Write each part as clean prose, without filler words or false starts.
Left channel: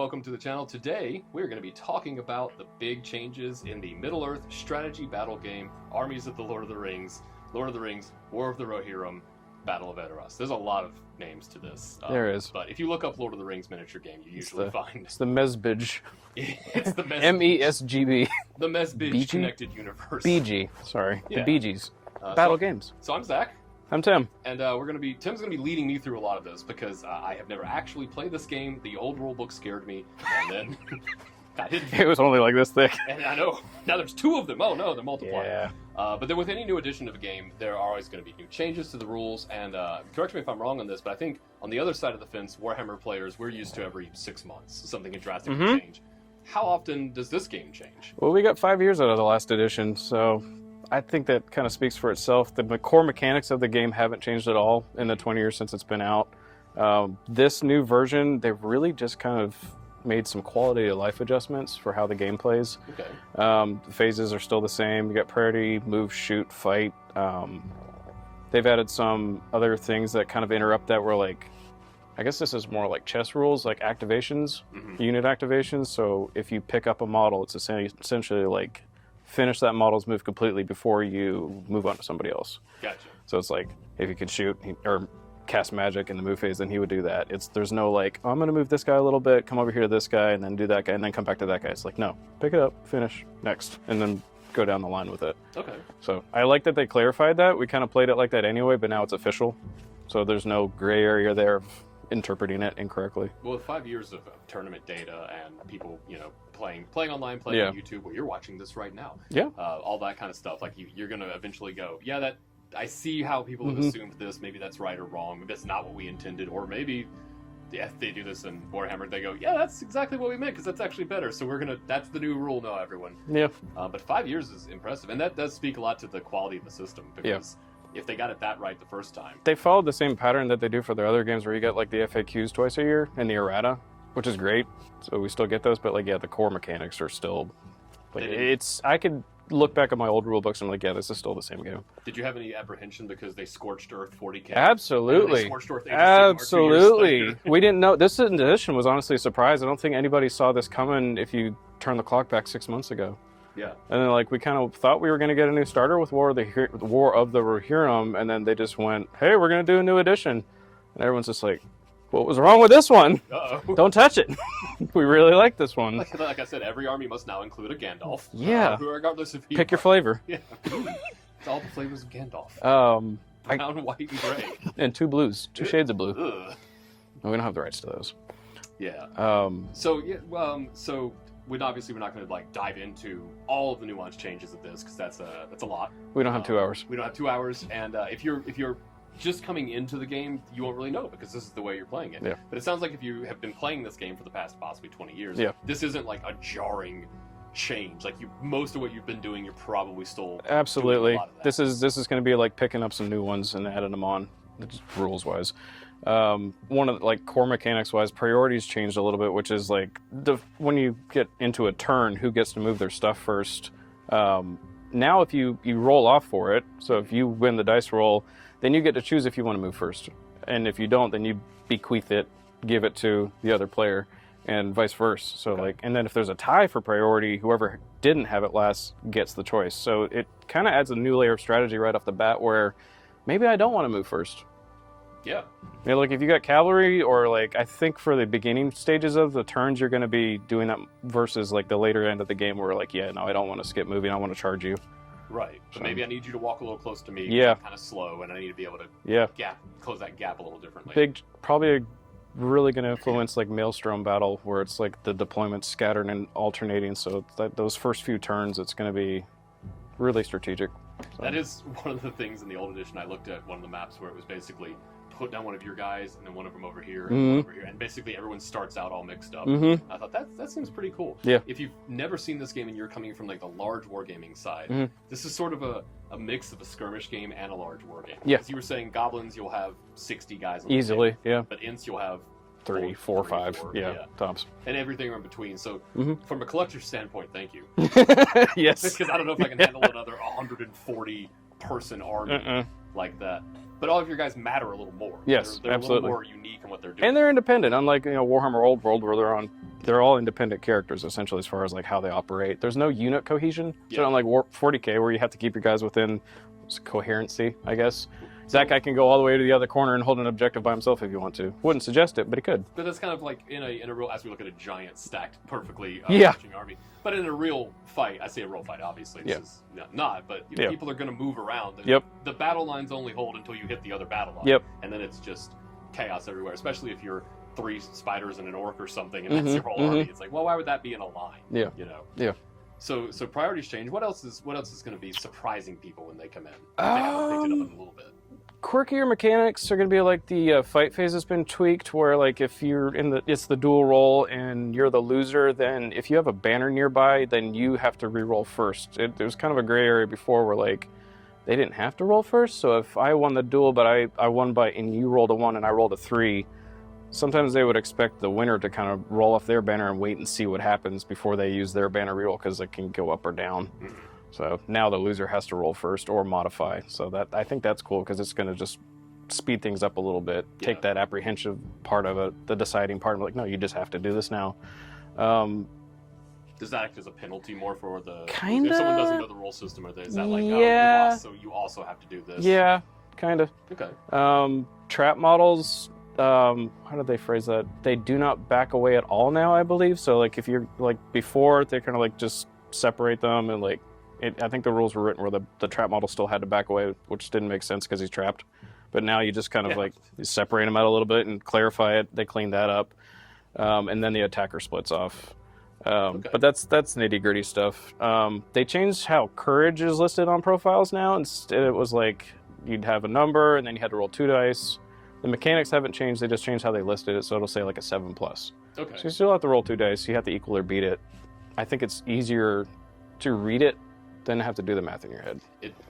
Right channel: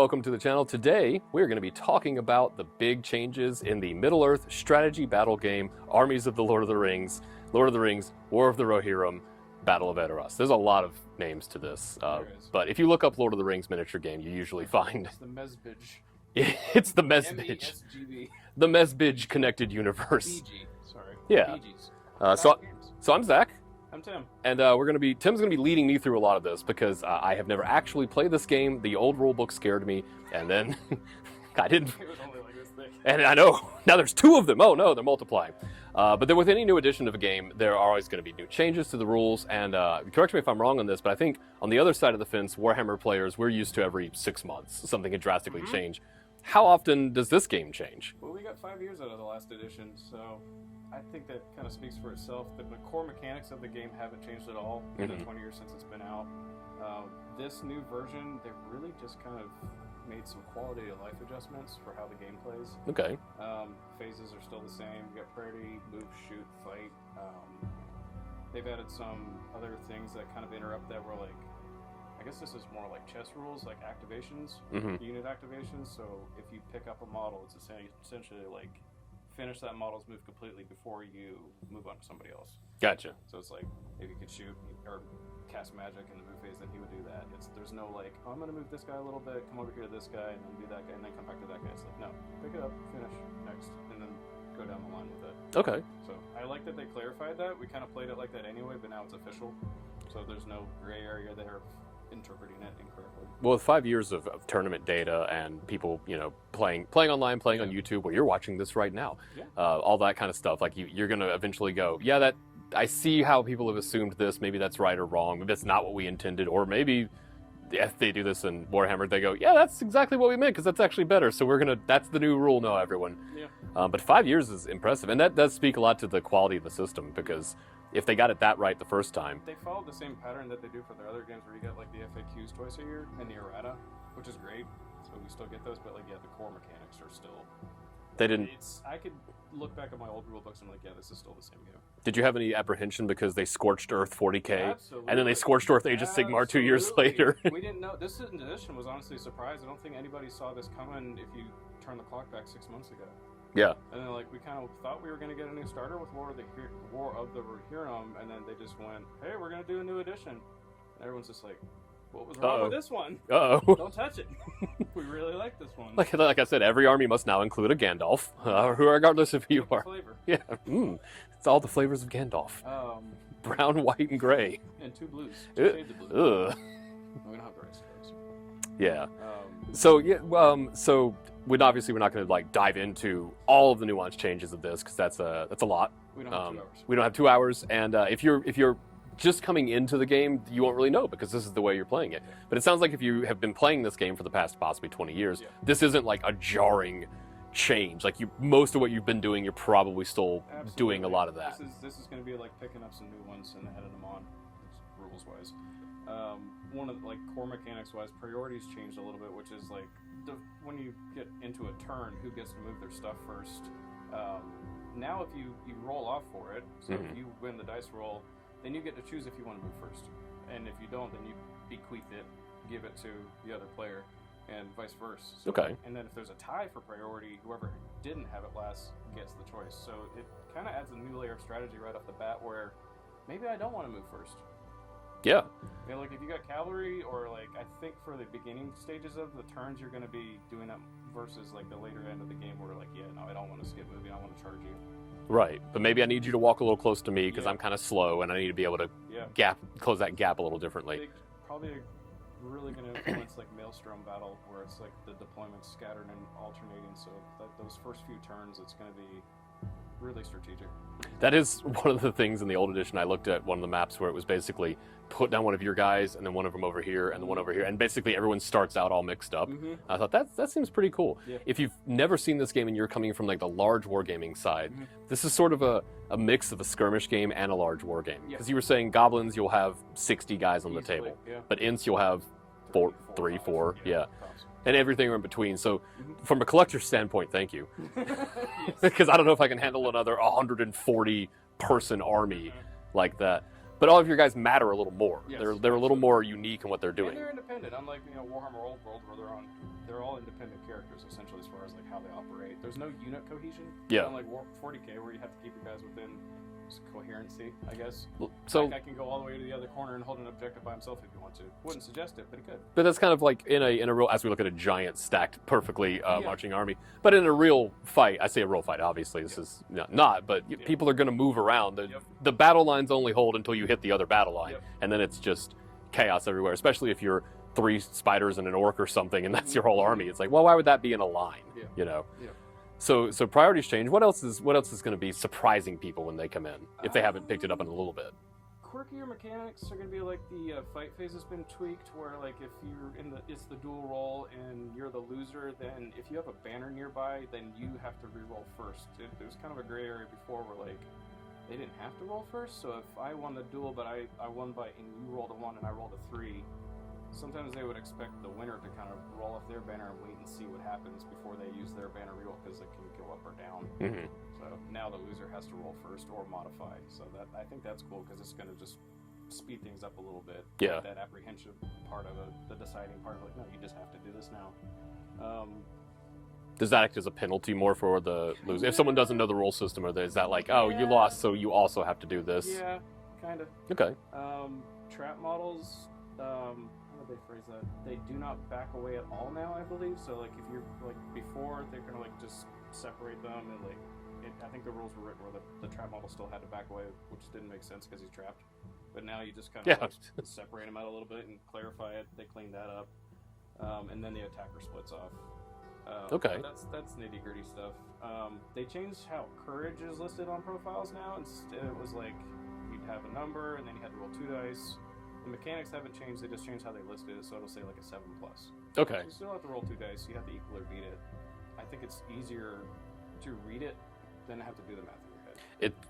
welcome to the channel. Today, we're going to be talking about the big changes in the Middle-earth strategy battle game, Armies of the Lord of the Rings, War of the Rohirrim, Battle of Edoras. There's a lot of names to this. There is. But if you look up Lord of the Rings miniature game, you usually find... It's the Mesbij. It's the Mesbij. M-E-S-G-B. The Mesbij BG? Connected Universe. BG. Sorry. Yeah. Bee Gees. Battle games. So I'm Zach. I'm Tim. And Tim's gonna be leading me through a lot of this because I have never actually played this game. The old rule book scared me, and then I didn't. It was only like this thick. And I know now there's two of them. Oh no, they're multiplying. Yeah. But then with any new edition of a game, there are always going to be new changes to the rules. And correct me if I'm wrong on this, but I think on the other side of the fence, Warhammer players, we're used to every 6 months something could drastically change. How often does this game change? Well, we got 5 years out of the last edition, so I think that kind of speaks for itself. The core mechanics of the game haven't changed at all in the 20 years since it's been out. This new version, they've really just kind of made some quality of life adjustments for how the game plays. Okay. The phases are still the same. You got priority, move, shoot, fight. They've added some other things that kind of interrupt that were like, I guess this is more like chess rules, like activations, unit activations. So if you pick up a model, it's essentially like finish that model's move completely before you move on to somebody else. Gotcha. So it's like if you could shoot or cast magic in the move phase, then he would do that. There's no like, oh, I'm going to move this guy a little bit, come over here to this guy, and then do that guy, and then come back to that guy. It's like, no, pick it up, finish, next, and then go down the line with it. Okay. So I like that they clarified that. We kind of played it like that anyway, but now it's official. So there's no gray area there of interpreting it incorrectly. Well, with 5 years of tournament data and people, playing online, playing on YouTube, well, you're watching this right now. Yeah. All that kind of stuff. Like you're going to eventually go, yeah, that I see how people have assumed this. Maybe that's right or wrong. Maybe that's not what we intended. Or maybe if they do this in Warhammer, they go, yeah, that's exactly what we meant because that's actually better. So that's the new rule now, everyone. Yeah. But 5 years is impressive. And that does speak a lot to the quality of the system because if they got it that right the first time. They followed the same pattern that they do for their other games where you get like the FAQs twice a year and the errata, which is great. So we still get those, but like, yeah, the core mechanics are still, like, I could look back at my old rule books and I'm like, yeah, this is still the same game. Did you have any apprehension because they scorched Earth 40K? Absolutely. And then they scorched Earth Age of Sigmar 2 years later? We didn't know. This edition was honestly a surprise. I don't think anybody saw this coming if you turn the clock back 6 months ago. Yeah. And then like we kind of thought we were going to get a new starter with War of the Rohirrim, and then they just went, hey, we're going to do a new edition. And everyone's just like, what was wrong with this one? Uh-oh. Don't touch it. We really like this one. Like I said, every army must now include a Gandalf. Yeah. Regardless of who Pick your flavor. Yeah. It's all the flavors of Gandalf. Brown, white, and gray. And 2 blues. 2 shades of blue. Ugh. No, we don't have the rights to those. Yeah. So we're not going to like dive into all of the nuanced changes of this because that's a lot. We don't have 2 hours. We don't have 2 hours, and if you're just coming into the game, you won't really know because this is the way you're playing it. Yeah. But it sounds like if you have been playing this game for the past possibly 20 years, this isn't like a jarring change. Like most of what you've been doing, you're probably still doing a lot of that. This is going to be like picking up some new ones and adding them on, rules wise. One of like core mechanics wise, priorities changed a little bit, which is like when you get into a turn, who gets to move their stuff first. Now if you roll off for it, so if you win the dice roll, then you get to choose if you want to move first, and if you don't, then you bequeath it, give it to the other player, and vice versa. So and then if there's a tie for priority, whoever didn't have it last gets the choice. So it kind of adds a new layer of strategy right off the bat where maybe I don't want to move first. Yeah. Like if you got cavalry, or like I think for the beginning stages of the turns, you're going to be doing that versus like the later end of the game where like, yeah, no, I don't want to skip moving. I want to charge you. Right. But maybe I need you to walk a little close to me because I'm kind of slow and I need to be able to close that gap a little differently. Probably really going to influence like Maelstrom Battle where it's like the deployments scattered and alternating. So those first few turns, it's going to be really strategic. That is one of the things in the old edition. I looked at one of the maps where it was basically put down one of your guys and then one of them over here and one over here, and basically everyone starts out all mixed up. I thought that seems pretty cool. Yeah. If you've never seen this game and you're coming from like the large wargaming side, this is sort of a mix of a skirmish game and a large wargame. Yeah. Because you were saying goblins, you'll have 60 guys on easily, the table. But Ints, you'll have 3, 4, 5. Yeah, tops. And everything in between. So from a collector's standpoint, thank you. Yes. Because I don't know if I can handle another 140 person army like that. But all of your guys matter a little more. Yes, they're a little more unique in what they're doing. And they're independent, unlike Warhammer Old World, where they're all independent characters essentially as far as like how they operate. There's no unit cohesion. So unlike 40K, where you have to keep your guys within coherency, I guess. Zack, I can go all the way to the other corner and hold an objective by himself if you want to. Wouldn't suggest it, but he could. But that's kind of like in a real, as we look at a giant stacked perfectly marching army. But in a real fight, I say a real fight, obviously this is not, but people are going to move around. And the battle lines only hold until you hit the other battle line. And then it's just chaos everywhere, especially if you're 3 spiders and an orc or something, and that's your whole army. It's like, well, why would that be in a line? You know? So priorities change. What else is going to be surprising people when they come in if they haven't picked it up in a little bit? Quirkier mechanics are going to be like the fight phase has been tweaked, where like if you're it's the dual roll and you're the loser, then if you have a banner nearby, then you have to re-roll first. There was kind of a gray area before where like they didn't have to roll first. So if I won the duel, but I won and you rolled a 1 and I rolled a 3. Sometimes they would expect the winner to kind of roll off their banner and wait and see what happens before they use their banner reroll, because it can go up or down. So now the loser has to roll first or modify. So that I think that's cool, because it's going to just speed things up a little bit. Take that apprehensive part of it, the deciding part, and like, no, you just have to do this now. Does that act as a penalty more for the if someone doesn't know the rule system, or is that like, oh, you lost, so you also have to do this? Yeah, kind of. Okay. Trap models. How did they phrase that? They do not back away at all now, I believe. So like if you're like before, they kind of like just separate them, and like I think the rules were written where the trap model still had to back away, which didn't make sense because he's trapped. But now you just kind of like separate them out a little bit and clarify it. They clean that up, and then the attacker splits off. But that's nitty gritty stuff. They changed how courage is listed on profiles now. Instead, it was like you'd have a number and then you had to roll 2 dice. The mechanics haven't changed, they just changed how they listed it, so it'll say like a 7+. Okay. So you still have to roll 2 dice, you have to equal or beat it. I think it's easier to read it than have to do the math in your head.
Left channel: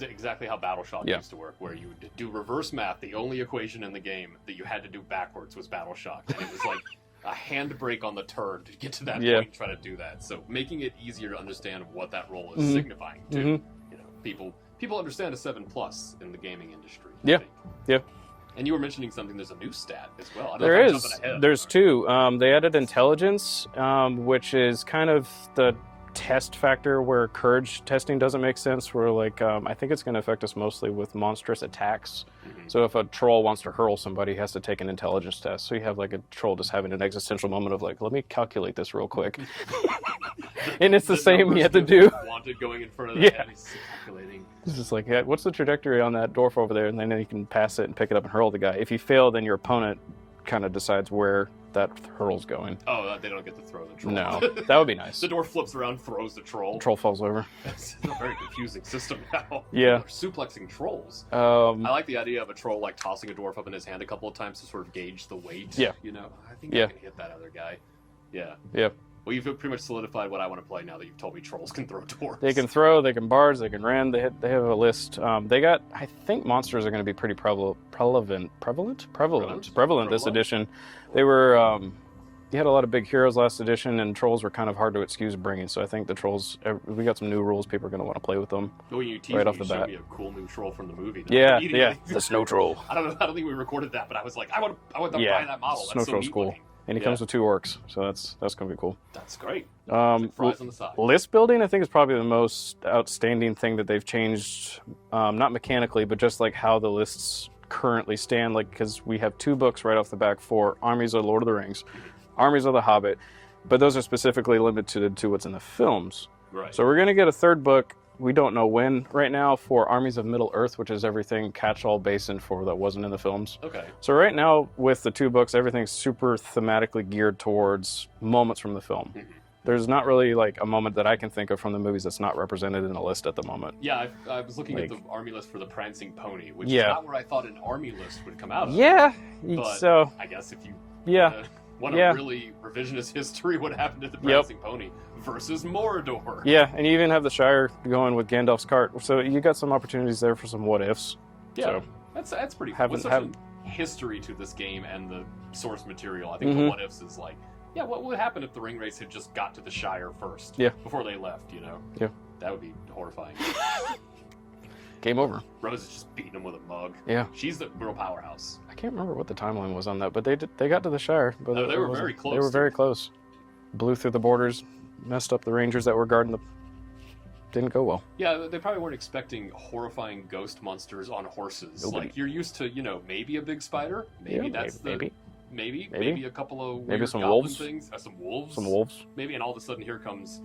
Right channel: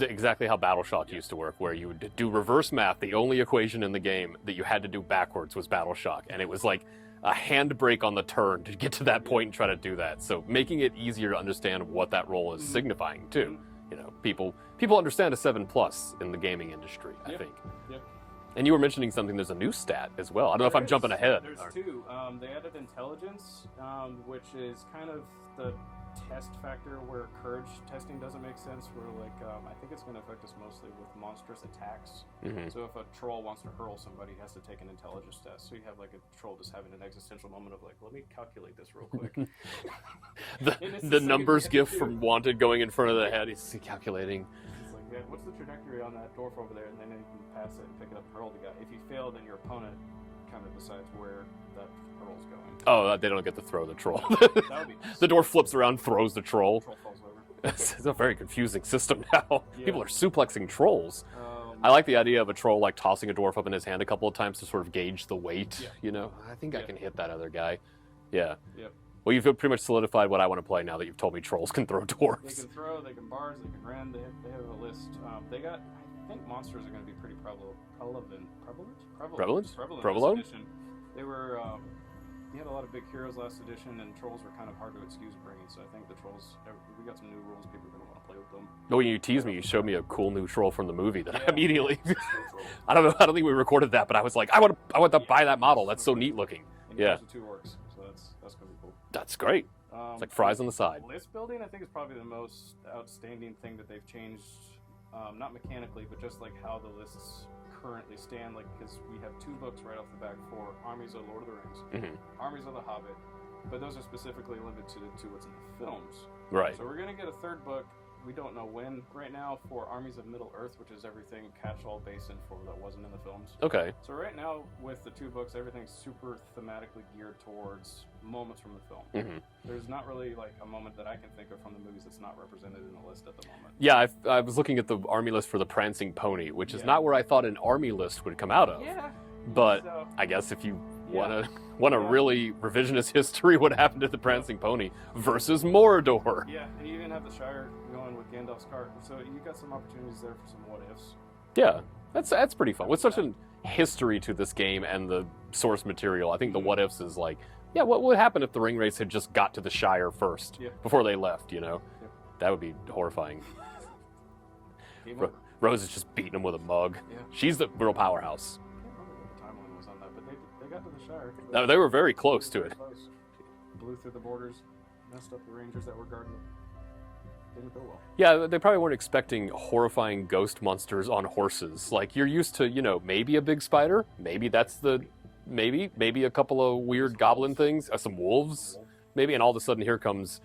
Exactly how Battleshock used to work, where you would do reverse math. The only equation in the game that you had to do backwards was Battleshock, and it was like a handbrake on the turn to get to that point and try to do that. So making it easier to understand what that roll is signifying too. You know, people understand a 7+ in the gaming industry, I think. Yeah. And you were mentioning something, there's a new stat as well. I don't know if I'm jumping ahead. There's 2. They added intelligence, which is kind of the test factor where courage testing doesn't make sense, where like I think it's going to affect us mostly with monstrous attacks. So if a troll wants to hurl somebody, he has to take an intelligence test. So you have like a troll just having an existential moment of like, let me calculate this real quick. And it's the same you have to do. Wanted going in front of the head, he's calculating. It's just like, what's the trajectory on that dwarf over there? And then you can pass it and pick it up and hurl the guy. If you fail, then your opponent kind of decides where that hurl's going. Oh, they don't get to throw the troll. No, that would be nice. The dwarf flips around, throws the troll. Troll falls over. It's a very confusing system now. Yeah. People are suplexing trolls. I like the idea of a troll like tossing a dwarf up in his hand a couple of times to sort of gauge the weight. Yeah. You know, I think I can hit that other guy. Yeah. Yep. Well, you've pretty much solidified what I want to play now that you've told me trolls can throw dwarves. They can throw, they can barge, they can rend. They have a list. I think monsters are going to be pretty prevalent this edition. They were, you had a lot of big heroes last edition, and trolls were kind of hard to excuse bringing. So I think the trolls, we got some new rules. People are going to want to play with them. No, when you teased me, you showed me a cool new troll from the movie. Yeah, the snow troll. I don't think we recorded that, but I was like, I want to buy that model. That's so neat looking. And he comes with 2 orcs, so that's going to be cool. That's great. It's like fries on the side. List building, I think, is probably the most outstanding thing that they've changed, not mechanically, but just like how the lists currently stand. Like, because we have 2 books right off the back for Armies of Lord of the Rings, Armies of the Hobbit, but those are specifically limited to what's in the films. Right. So we're going to get a 3rd book. We don't know when right now for Armies of Middle-earth, which is everything catch-all basin for that wasn't in the films. Okay. So right now with the 2 books, everything's super thematically geared towards moments from the film. There's not really like a moment that I can think of from the movies that's not represented in a list at the moment. Yeah, I was looking at the army list for the Prancing Pony, which is not where I thought an army list would come out of. Yeah. But so, I guess if you want a really revisionist history, what happened to the Prancing Pony versus Mordor. Yeah, and you even have the Shire going with Gandalf's cart. So you got some opportunities there for some what-ifs. Yeah, so that's pretty fun. With such a history to this game and the source material, I think the what-ifs is like, what would happen if the ring race had just got to the Shire first before they left, you know? Yeah. That would be horrifying. Game over. Rose is just beating him with a mug. Yeah. She's the real powerhouse. I can't remember what the timeline was on that, but they got to the Shire. But no, they were very close. They were very close. Blew through the borders, messed up the Rangers that were guarding the... Didn't go well. Yeah, they probably weren't expecting horrifying ghost monsters on horses. Nobody. Like, you're used to, maybe a big spider. Maybe maybe a couple of weird goblin wolves. Things. Some wolves. Maybe, and all of a sudden here comes...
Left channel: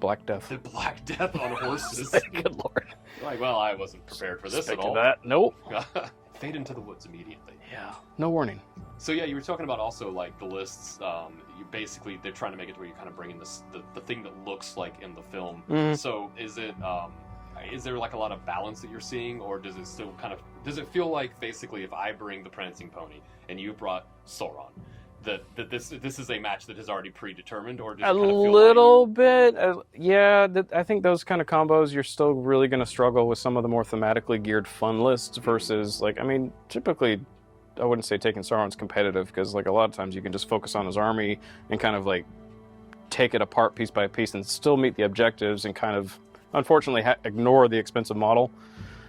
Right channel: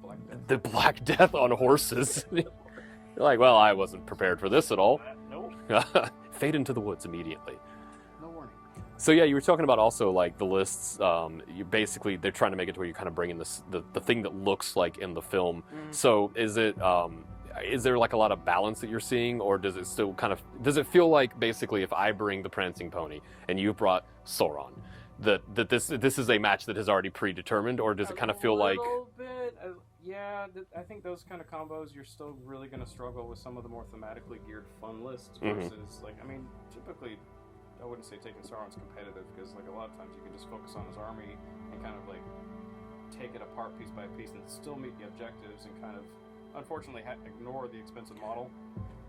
Black Death. The Black Death on horses. Good Lord. You're like, well, I wasn't prepared for this at all. Nope. Fade into the woods immediately. Yeah. No warning. So yeah, you were talking about also like the lists. They're trying to make it to where you kind of bring in the thing that looks like in the film. Mm-hmm. So is there like a lot of balance that you're seeing, or does it feel like basically if I bring the Prancing Pony and you brought Sauron, that this is a match that is already predetermined, or does it kind of feel like... A little bit, yeah. I think those kind of combos, you're still really going to struggle with some of the more thematically geared fun lists versus, typically, I wouldn't say taking Sauron's competitive, because, a lot of times you can just focus on his army and kind of, take it apart piece by piece and still meet the objectives and kind of, unfortunately, ignore the expensive model.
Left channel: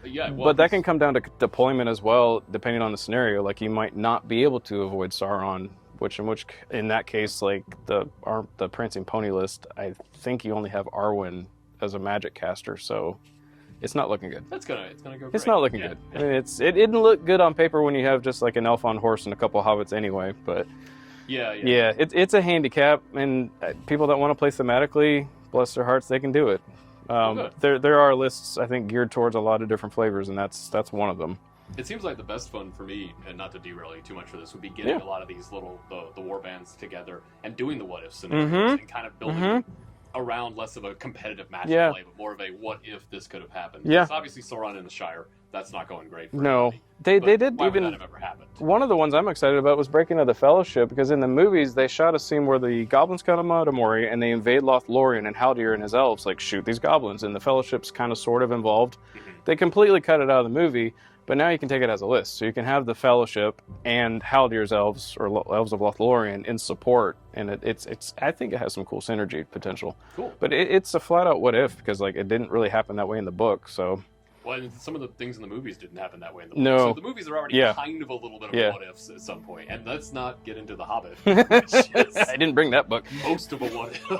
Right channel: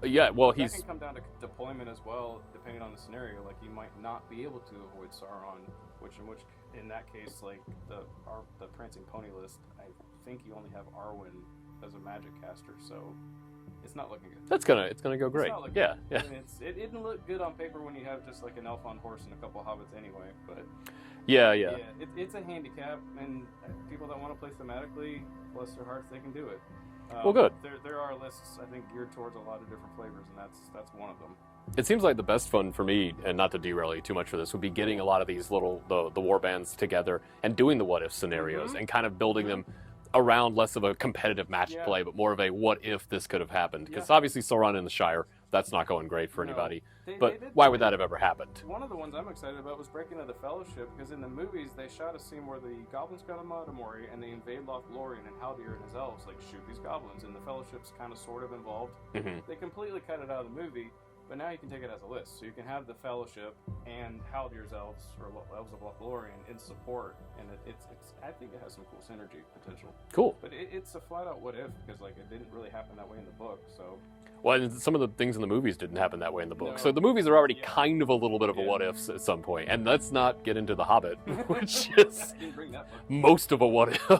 Yeah, well, but that can come down to deployment as well, depending on the scenario. Like, you might not be able to avoid Sauron, which in that case, the Prancing Pony list, I think you only have Arwen as a magic caster, so it's not looking good. It's gonna go great. It's not looking good. Yeah. I mean, it didn't look good on paper when you have just an elf on horse and a couple hobbits anyway, but yeah, it's a handicap, and people that want to play thematically, bless their hearts, they can do it. Good. There are lists, I think, geared towards a lot of different flavors, and that's one of them. It seems like the best fun for me, and not to derail you too much for this, would be getting a lot of these little the war bands together and doing the what if scenarios and kind of building them around less of a competitive match play, but more of a what if this could have happened. Yeah. Because obviously Sauron in the Shire, that's not going great for anybody. They did. Why would that have ever happened? One of the ones I'm excited about was Breaking of the Fellowship, because in the movies they shot a scene where the goblins come out of Moria and they invade Lothlorien, and Haldir and his elves shoot these goblins, and the Fellowship's kind of sort of involved. They completely cut it out of the movie. But now you can take it as a list. So you can have the Fellowship and Haldir's elves, or elves of Lothlorien, in support. And it's I think it has some cool synergy potential. Cool. But it's a flat out what if, because it didn't really happen that way in the book. So. Well, and some of the things in the movies didn't happen that way in the book. No. So the movies are already kind of a little bit of a what if at some point. And let's not get into The Hobbit, which is I didn't bring that book. Most of a what if.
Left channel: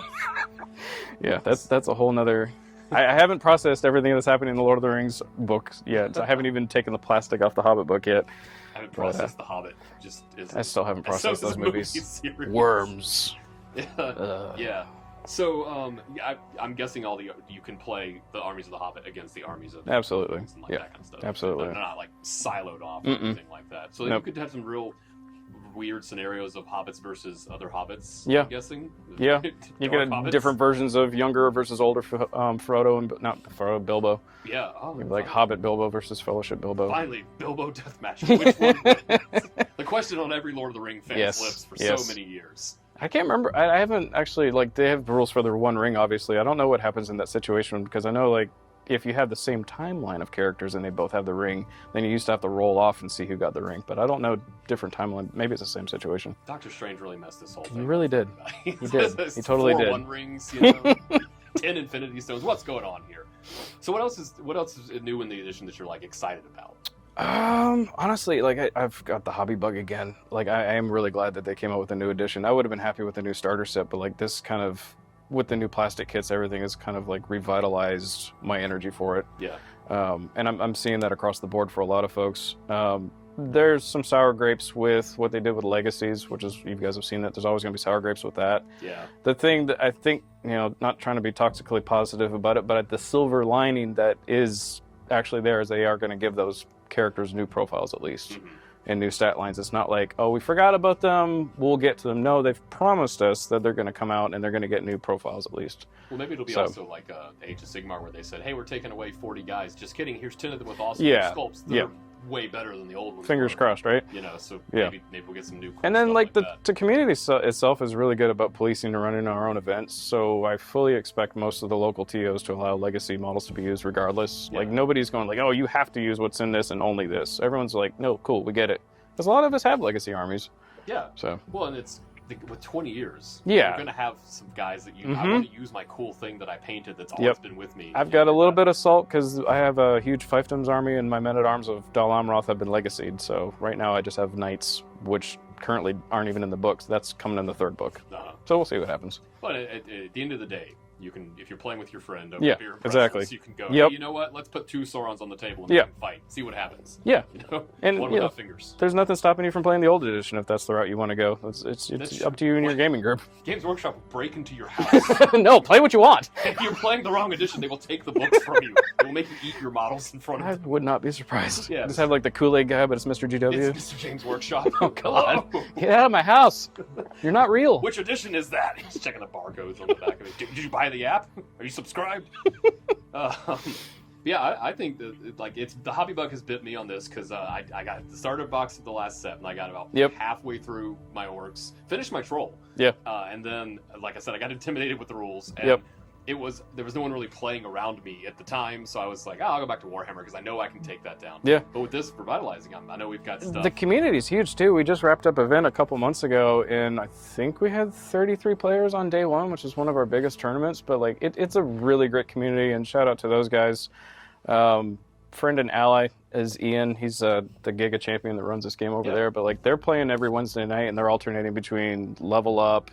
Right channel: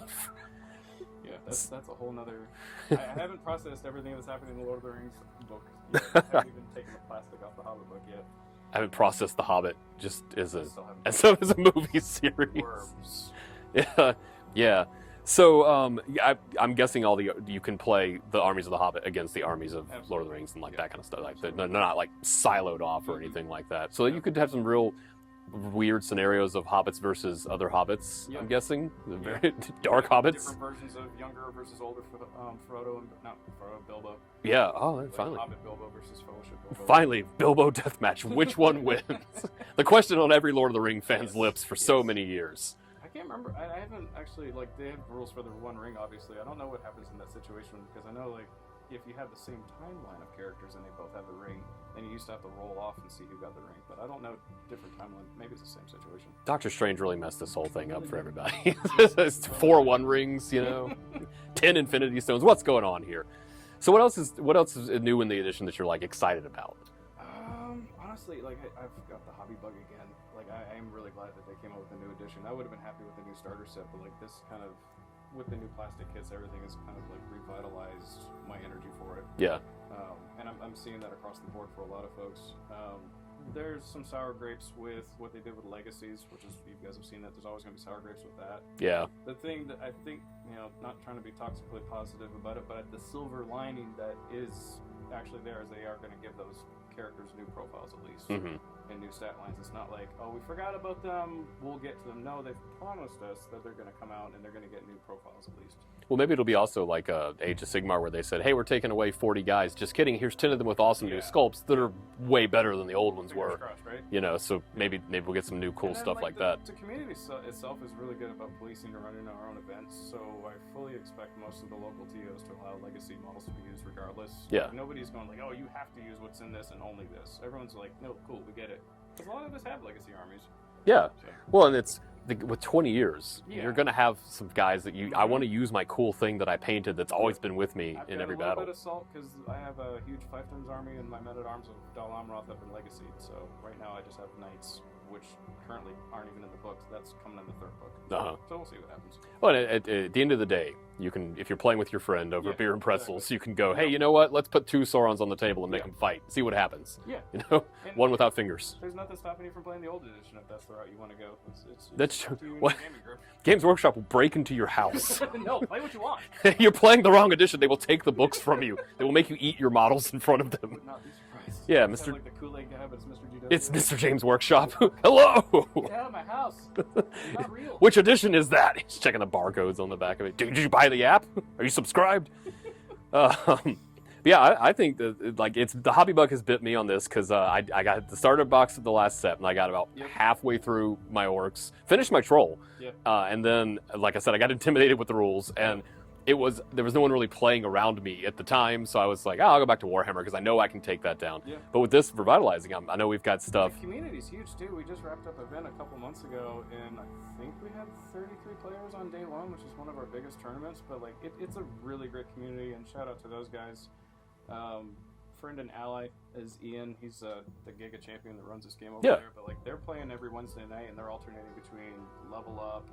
Yeah, that's a whole nother... I haven't processed everything that's happening in the Lord of the Rings books yet. I haven't even taken the plastic off the Hobbit book yet. I haven't processed the Hobbit. Just isn't. I still haven't processed those movies. Worms. Yeah. So I'm guessing you can play the armies of the Hobbit against the armies of Lord of the Rings and that kind of stuff. Absolutely. They're not siloed off or anything like that. So you could have some real weird scenarios of hobbits versus other hobbits. I'm guessing. Yeah, you Dark got hobbits. Different versions of younger versus older Frodo and not Frodo, Bilbo. Yeah, Hobbit Bilbo versus Fellowship Bilbo. Finally, Bilbo deathmatch. Which one wins? The question on every Lord of the Ring fan's lips for so many years. I can't remember. I haven't actually they have rules for their One Ring. Obviously, I don't know what happens in that situation, because I know if you have the same timeline of characters and they both have the ring, then you used to have to roll off and see who got the ring. But I don't know different timeline. Maybe it's the same situation. Doctor Strange really messed this whole thing. He really did. He did. He totally did. 4 One Rings, 10 Infinity Stones. What's going on here? So what else is new in the edition that you're excited about? Honestly, I've got the hobby bug again. I am really glad that they came out with a new edition. I would have been happy with the new starter set, but this kind of, with the new plastic kits, everything is kind of revitalized my energy for it. Yeah. And I'm seeing that across the board for a lot of folks. There's some sour grapes with what they did with Legacies, which is, you guys have seen that. There's always going to be sour grapes with that. Yeah. The thing that I think, not trying to be toxically positive about it, but the silver lining that is actually there is they are going to give those characters new profiles at least. And new stat lines. It's not we forgot about them, we'll get to them. No, they've promised us that they're going to come out and they're going to get new profiles at least. Well, maybe it'll be also like Age of Sigmar, where they said, hey, we're taking away 40 guys. Just kidding, here's 10 of them with awesome new sculpts that are way better than the old ones. Fingers crossed, right? So maybe we'll get some new cool and then stuff that. The community itself is really good about policing and running our own events, so I fully expect most of the local TOs to allow legacy models to be used regardless. Nobody's going oh, you have to use what's in this and only this. Everyone's no, cool, we get it. Because a lot of us have legacy armies. Yeah. So. Well, and it's with 20 years, yeah, you're going to have some guys that you. I want to use my cool thing that I painted that's always been with me. I've got a little bit of salt because I have a huge fiefdoms army, and my men-at-arms of Dal Amroth have been legacied. So right now I just have knights, which currently aren't even in the books. That's coming in the third book. So we'll see what happens. Well, at the end of the day, you can, if you're playing with your friend over beer and pretzels, you can go, hey, you know what? Let's put 2 Saurons on the table and make them fight. See what happens. Yeah. You know? And one without fingers. There's nothing stopping you from playing the old edition if that's the route you want to go. It's up to you and your gaming group. Games Workshop will break into your house. No, play what you want. You're playing the wrong edition. They will take the books from you. They will make you eat your models in front of them. I would not be surprised. Yeah. Just have like the Kool-Aid guy, but it's Mr. GW. It's Mr. James Workshop. Hello. Get out of my house. You're not real. Which edition is that? He's checking the barcodes on the back of it. Did you buy the app? Are you subscribed? Yeah, I think that like the hobby bug has bit me on this because I got the starter box of the last set and I got about halfway through my orcs, finished my troll, and then like I said, I got intimidated with the rules and there was no one really playing around me at the time, so I was like, I'll go back to Warhammer because I know I can take that down. Yeah. But with this revitalizing, I know we've got stuff. The community's huge too. We just wrapped up an event a couple months ago, and I think we had 33 players on day 1, which is one of our biggest tournaments. But like, it's a really great community, and shout out to those guys. Friend and ally is Ian. He's the Giga champion that runs this game over there. But like, they're playing every Wednesday night, and they're alternating between Level Up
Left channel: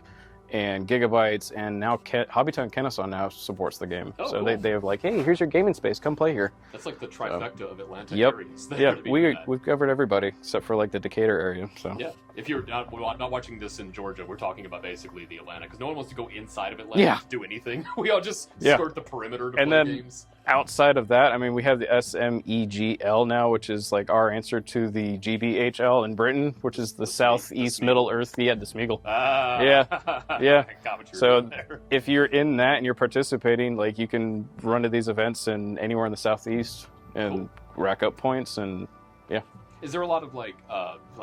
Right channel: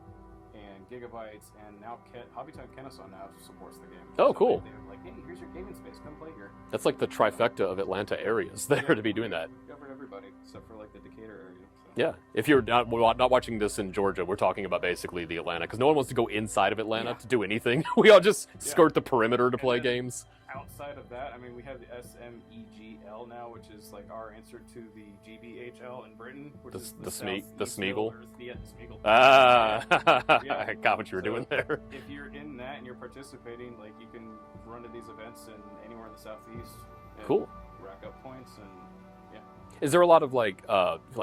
and Gigabytes, and now Hobbytown Kennesaw now supports the game. Oh, so cool. they have like, hey, here's your gaming space, come play here. That's like the trifecta of Atlanta areas there to be doing that. We've covered everybody except for like the Decatur area. So yeah, if you're not watching this in Georgia, we're talking about basically the Atlanta because no one wants to go inside of Atlanta to do anything. We all just skirt the perimeter to play games. Outside of that, I mean, we have the SMEGL now, which is like our answer to the GBHL in Britain, which is the Southeast Middle Earth. Yeah, the Smeagol. Yeah. I got what you were doing there. If you're in that and you're participating, like you can run to these events and anywhere in the Southeast and rack up points and Is there a lot of like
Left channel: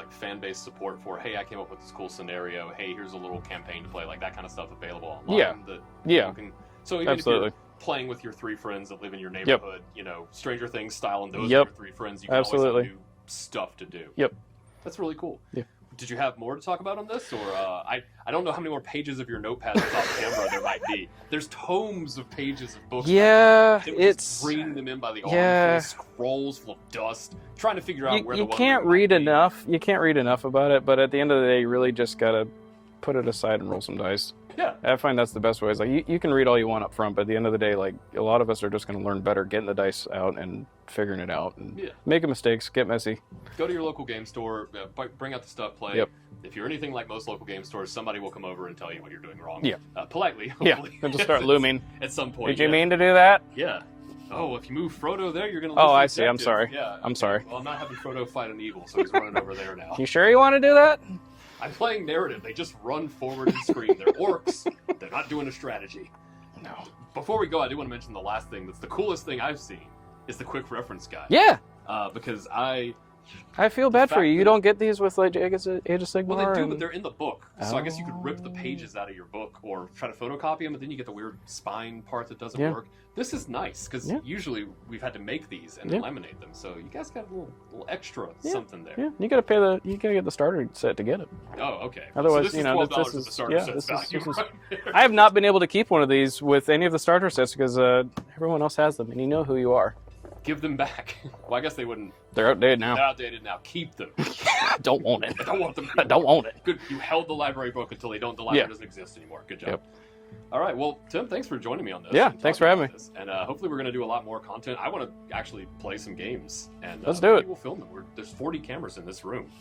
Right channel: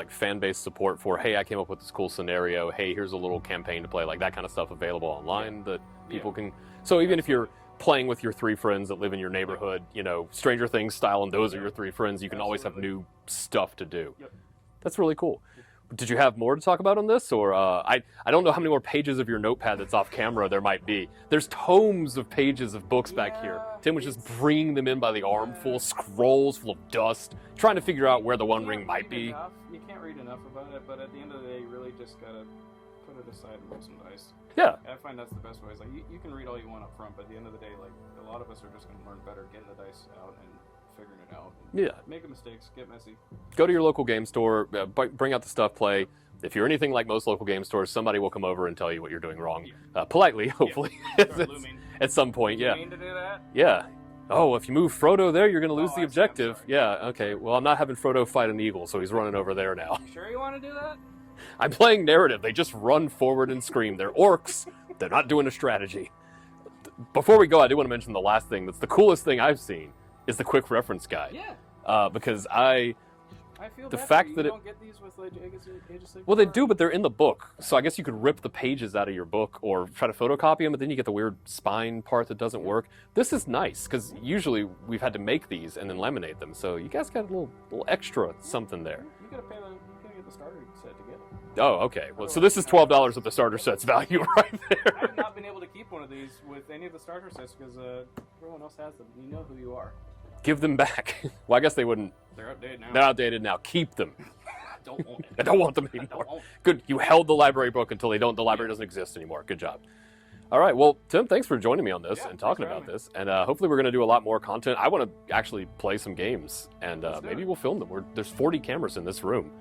fan base support for, hey, I came up with this cool scenario, hey, here's a little campaign to play, like that kind of stuff available online that people can. So even if you're playing with your 3 friends that live in your neighborhood, you know, Stranger Things style, and those are your 3 friends, you can always have new stuff to do. Yep. That's really cool. Yeah. Did you have more to talk about on this, or I don't know how many more pages of your notepad that's off camera there might be. There's tomes of pages of books. Yeah, Tim was just bringing them in by the armful, scrolls full of dust, trying to figure out where the one. You can't read enough. You can't read enough about it, but at the end of the day, you really just gotta put it aside and roll some dice. Yeah, I find that's the best way. Is like you can read all you want up front, but at the end of the day, like a lot of us are just going to learn better getting the dice out and figuring it out. And making mistakes, get messy. Go to your local game store, bring out the stuff, play. Yep. If you're anything like most local game stores, somebody will come over and tell you what you're doing wrong. Yeah, politely, hopefully. Yeah, just start looming at some point. Did you mean to do that? Yeah. Oh, if you move Frodo there, you're going to lose the objective. I'm sorry. Yeah, I'm sorry. Well, I'm not having Frodo fight an eagle, so he's running over there now. You sure you want to do that? I'm playing narrative. They just run forward and scream. They're orcs. They're not doing a strategy. No. Before we go, I do want to mention the last thing. That's the coolest thing I've seen is the quick reference guide. Yeah. Because I feel bad for you. You don't get these with like Age of Sigmar. Well, they do, but they're in the book. So I guess you could rip the pages out of your book or try to photocopy them, but then you get the weird spine part that doesn't work. This is nice because usually we've had to make these and then laminate them. So you guys got a little extra something there. Yeah, you gotta get the starter set to get it. Oh, okay. Well, so this is $12 of the starter set's value right there. I have not been able to keep one of these with any of the starter sets because everyone else has them, and you know who you are. Give them back. Well, I guess they wouldn't. They're outdated now. They're outdated now. Keep them. Don't own it. I don't want them anymore. I don't own it. Good. You held the library book until the library doesn't exist anymore. Good job. Yep. All right. Well, Tim, thanks for joining me on this. Yeah, thanks for having me. And hopefully we're going to do a lot more content. I want to actually play some games. And let's do it. We'll film them. There's 40 cameras in this room.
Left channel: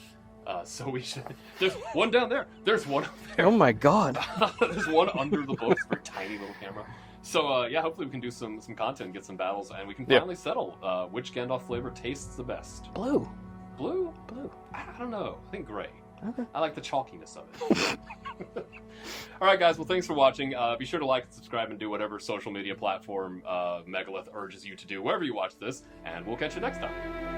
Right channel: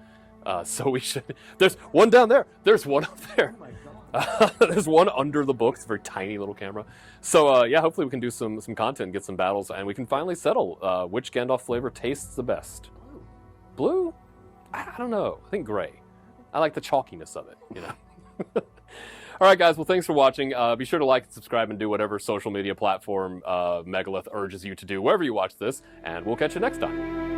So we should. There's one down there. There's one up there. Oh my God. There's one under the books. Very tiny little camera. So yeah, hopefully we can do some content, get some battles, and we can finally settle which Gandalf flavor tastes the best. Blue. Blue? Blue. I don't know. I think gray. Okay. I like the chalkiness of it. All right, guys. Well, thanks for watching. Be sure to like and subscribe and do whatever social media platform Megalith urges you to do wherever you watch this, and we'll catch you next time.